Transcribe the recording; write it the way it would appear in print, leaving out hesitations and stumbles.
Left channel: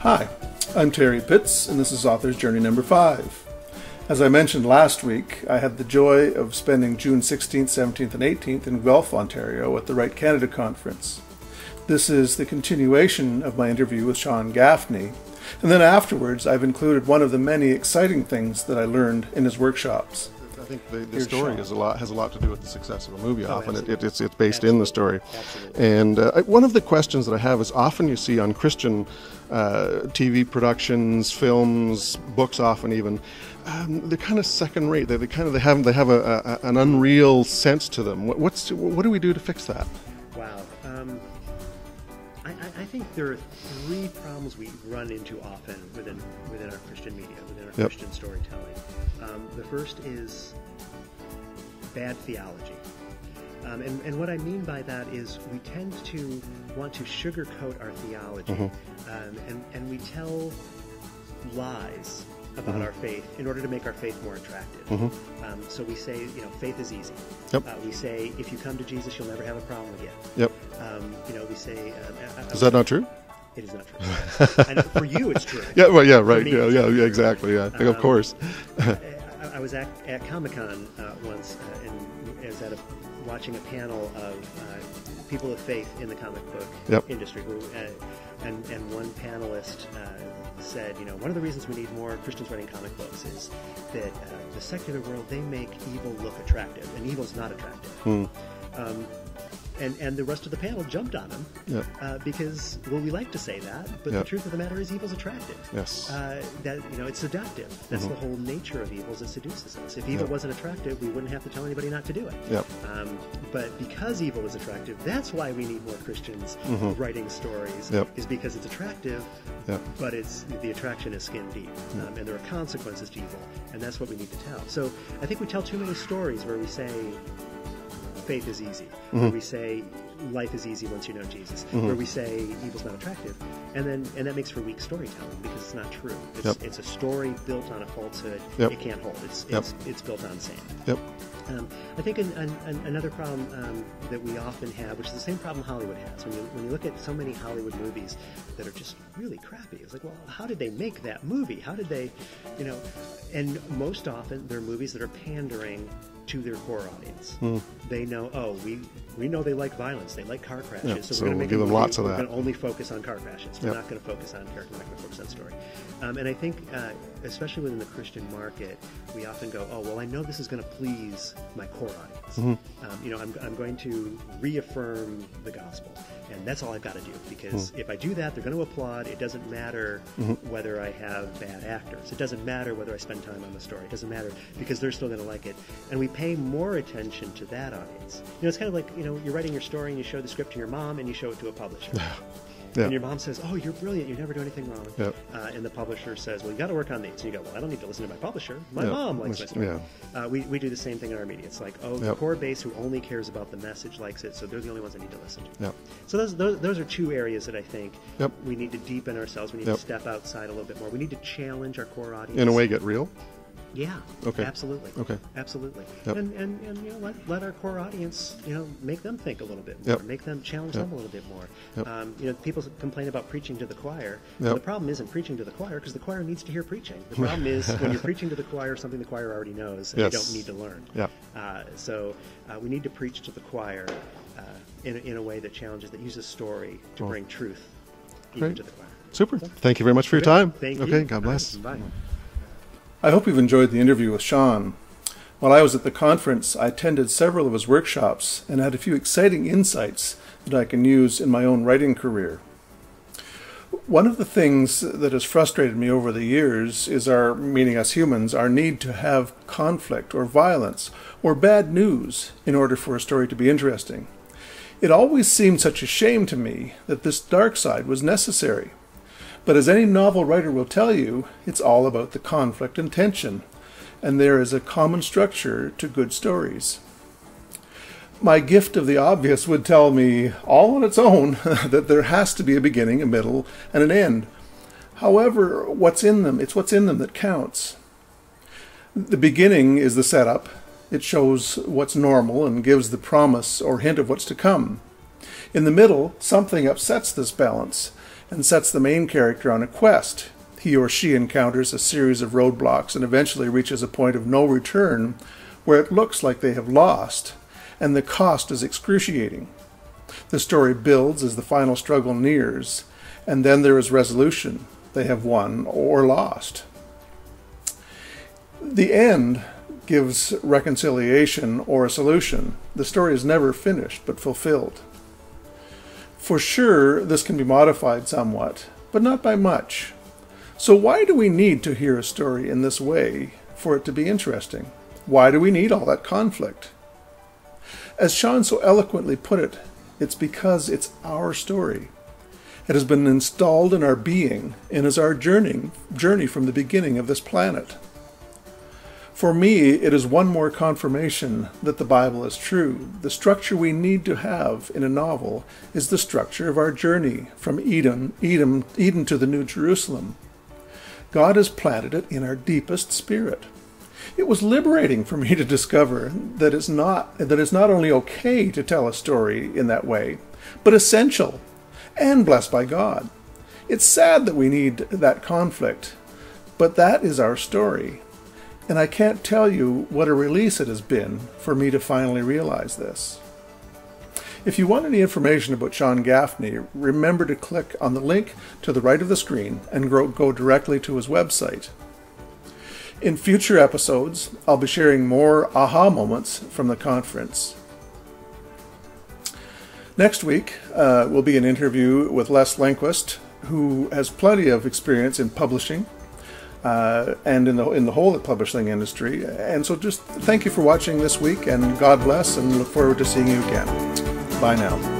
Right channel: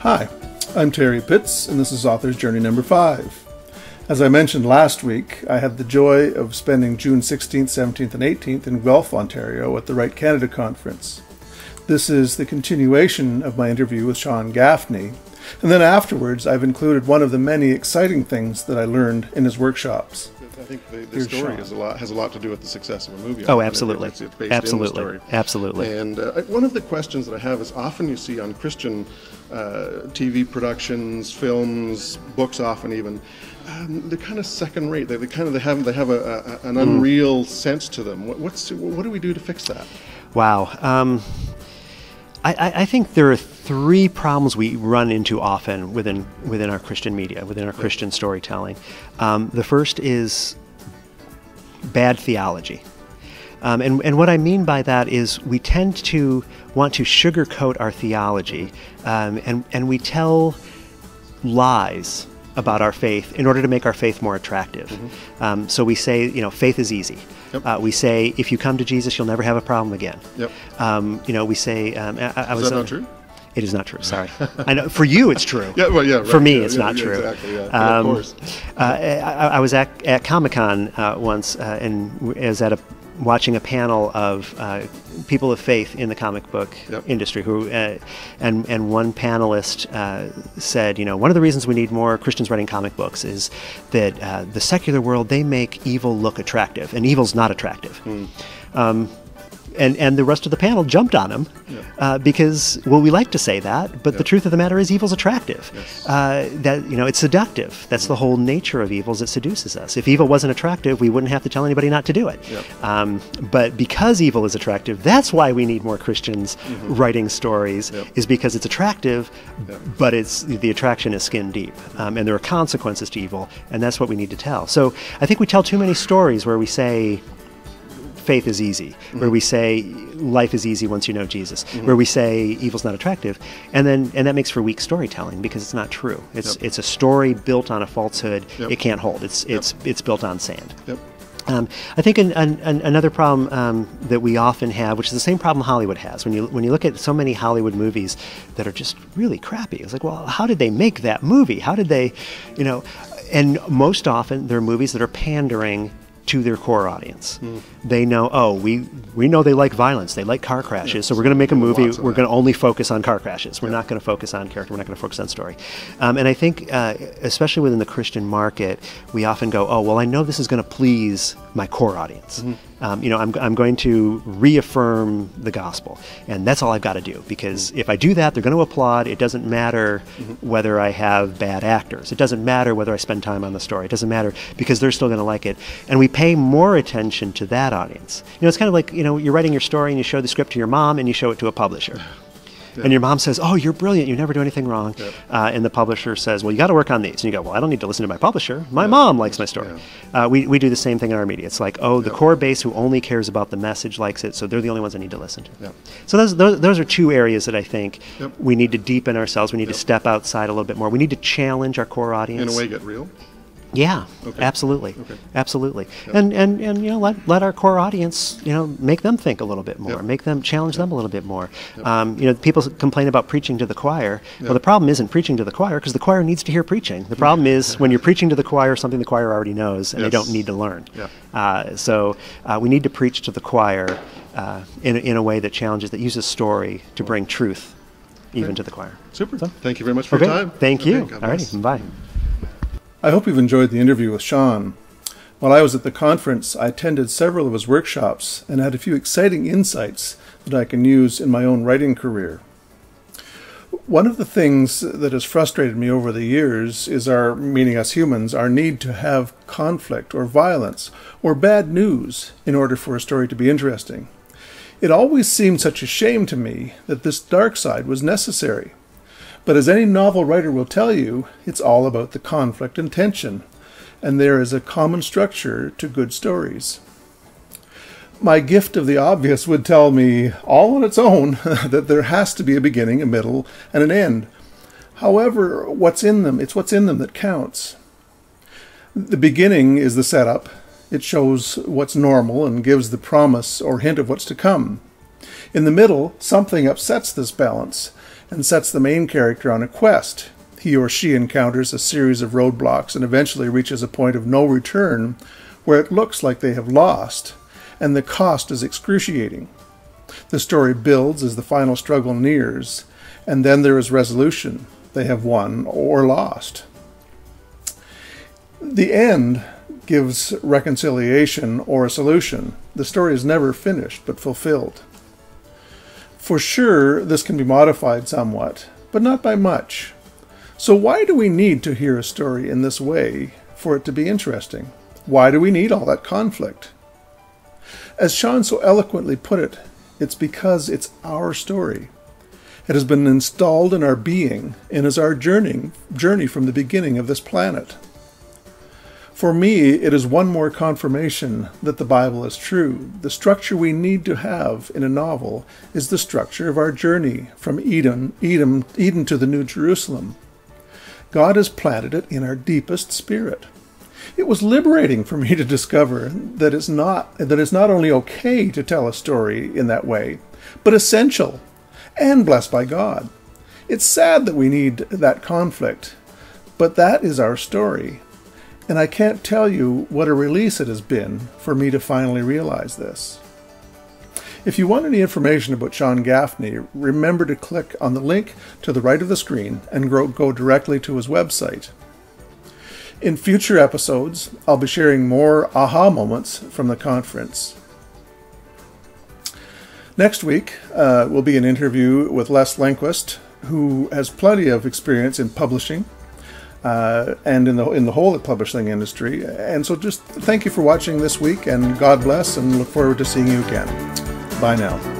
Hi, I'm Terry Pitts, and this is Author's Journey number 5. As I mentioned last week, I had the joy of spending June 16th, 17th, and 18th in Guelph, Ontario at the Write Canada Conference. This is the continuation of my interview with Sean Gaffney, and then afterwards I've included one of the many exciting things that I learned in his workshops. I think the story has a lot to do with the success of a movie. Oh, absolutely. It's based in the story. Absolutely. And one of the questions that I have is often you see on Christian TV productions, films, books often even, they're kind of second rate. They have an unreal sense to them. What do we do to fix that? Wow. I think there are 3 problems we run into often within our Christian media, within our Christian storytelling. The first is bad theology. And what I mean by that is we tend to want to sugarcoat our theology, and we tell lies about our faith in order to make our faith more attractive. So we say, faith is easy. We say, if you come to Jesus, you'll never have a problem again. We say... is that not true? It is not true, sorry. I know, for you, it's true. Right. For me, it's not true. Exactly, of course. I was at Comic-Con once, and I was watching a panel of people of faith in the comic book industry who, and one panelist said, one of the reasons we need more Christians writing comic books is that the secular world, they make evil look attractive, and evil's not attractive. And the rest of the panel jumped on him because, we like to say that, but the truth of the matter is evil's attractive. That it's seductive. That's the whole nature of evil, is it seduces us. If evil wasn't attractive, we wouldn't have to tell anybody not to do it. But because evil is attractive, that's why we need more Christians writing stories, is because it's attractive, but the attraction is skin deep, and there are consequences to evil, and that's what we need to tell. So I think we tell too many stories where we say faith is easy, where we say life is easy once you know Jesus, where we say evil's not attractive, and that makes for weak storytelling because it's not true. It's a story built on a falsehood. It can't hold. It's built on sand. I think another problem that we often have, which is the same problem Hollywood has, when you look at so many Hollywood movies that are just really crappy, it's like, well, how did they make that movie? How did they, and most often they're movies that are pandering to their core audience. They know, we know they like violence, they like car crashes, so we're going to make a movie, we're going to only focus on car crashes. We're not going to focus on character, we're not going to focus on story. And I think, especially within the Christian market, we often go, I know this is going to please my core audience. I'm going to reaffirm the gospel, and that's all I've got to do, because if I do that, they're going to applaud. It doesn't matter whether I have bad actors. It doesn't matter whether I spend time on the story. It doesn't matter, because they're still going to like it. And we pay more attention to that audience. It's kind of like, you're writing your story and you show the script to your mom and you show it to a publisher. And your mom says, "Oh, you're brilliant. You never do anything wrong." And the publisher says, "Well, you got to work on these." And you go, "Well, I don't need to listen to my publisher. My mom likes my story." We do the same thing in our media. It's like, the core base who only cares about the message likes it, so they're the only ones I need to listen to. So those are 2 areas that I think we need to deepen ourselves. We need to step outside a little bit more. We need to challenge our core audience. In a way, get real. Yeah, absolutely, absolutely, and let our core audience make them think a little bit more, make them challenge them a little bit more. People complain about preaching to the choir. Well, the problem isn't preaching to the choir, because the choir needs to hear preaching. The problem is when you're preaching to the choir something the choir already knows and they don't need to learn. So we need to preach to the choir in a way that challenges, that uses story to bring truth even to the choir. Super. Thank you very much for your time. Thank you. God bless. All right, bye. I hope you've enjoyed the interview with Sean. While I was at the conference, I attended several of his workshops and had a few exciting insights that I can use in my own writing career. One of the things that has frustrated me over the years is meaning us humans, our need to have conflict or violence or bad news in order for a story to be interesting. It always seemed such a shame to me that this dark side was necessary. But as any novel writer will tell you, it's all about the conflict and tension. and there is a common structure to good stories. My gift of the obvious would tell me, all on its own, that there has to be a beginning, a middle, and an end. However, what's in them? It's what's in them that counts. The beginning is the setup. It shows what's normal and gives the promise or hint of what's to come. In the middle, something upsets this balance and sets the main character on a quest. He or she encounters a series of roadblocks and eventually reaches a point of no return where it looks like they have lost, and the cost is excruciating. The story builds as the final struggle nears, and then there is resolution. They have won or lost. The end gives reconciliation or a solution. The story is never finished, but fulfilled. For sure, this can be modified somewhat, but not by much. So why do we need to hear a story in this way for it to be interesting? Why do we need all that conflict? As Sean so eloquently put it, it's because it's our story. It has been installed in our being and is our journey from the beginning of this planet. For me, it is one more confirmation that the Bible is true. The structure we need to have in a novel is the structure of our journey from Eden to the New Jerusalem. God has planted it in our deepest spirit. It was liberating for me to discover that it's not only okay to tell a story in that way, but essential and blessed by God. It's sad that we need that conflict, but that is our story. And I can't tell you what a release it has been for me to finally realize this. If you want any information about Sean Gaffney, remember to click on the link to the right of the screen and go directly to his website. In future episodes, I'll be sharing more aha moments from the conference. Next week will be an interview with Les Lenquist, who has plenty of experience in publishing and in the whole publishing industry. And so just thank you for watching this week, and God bless, and look forward to seeing you again. Bye now.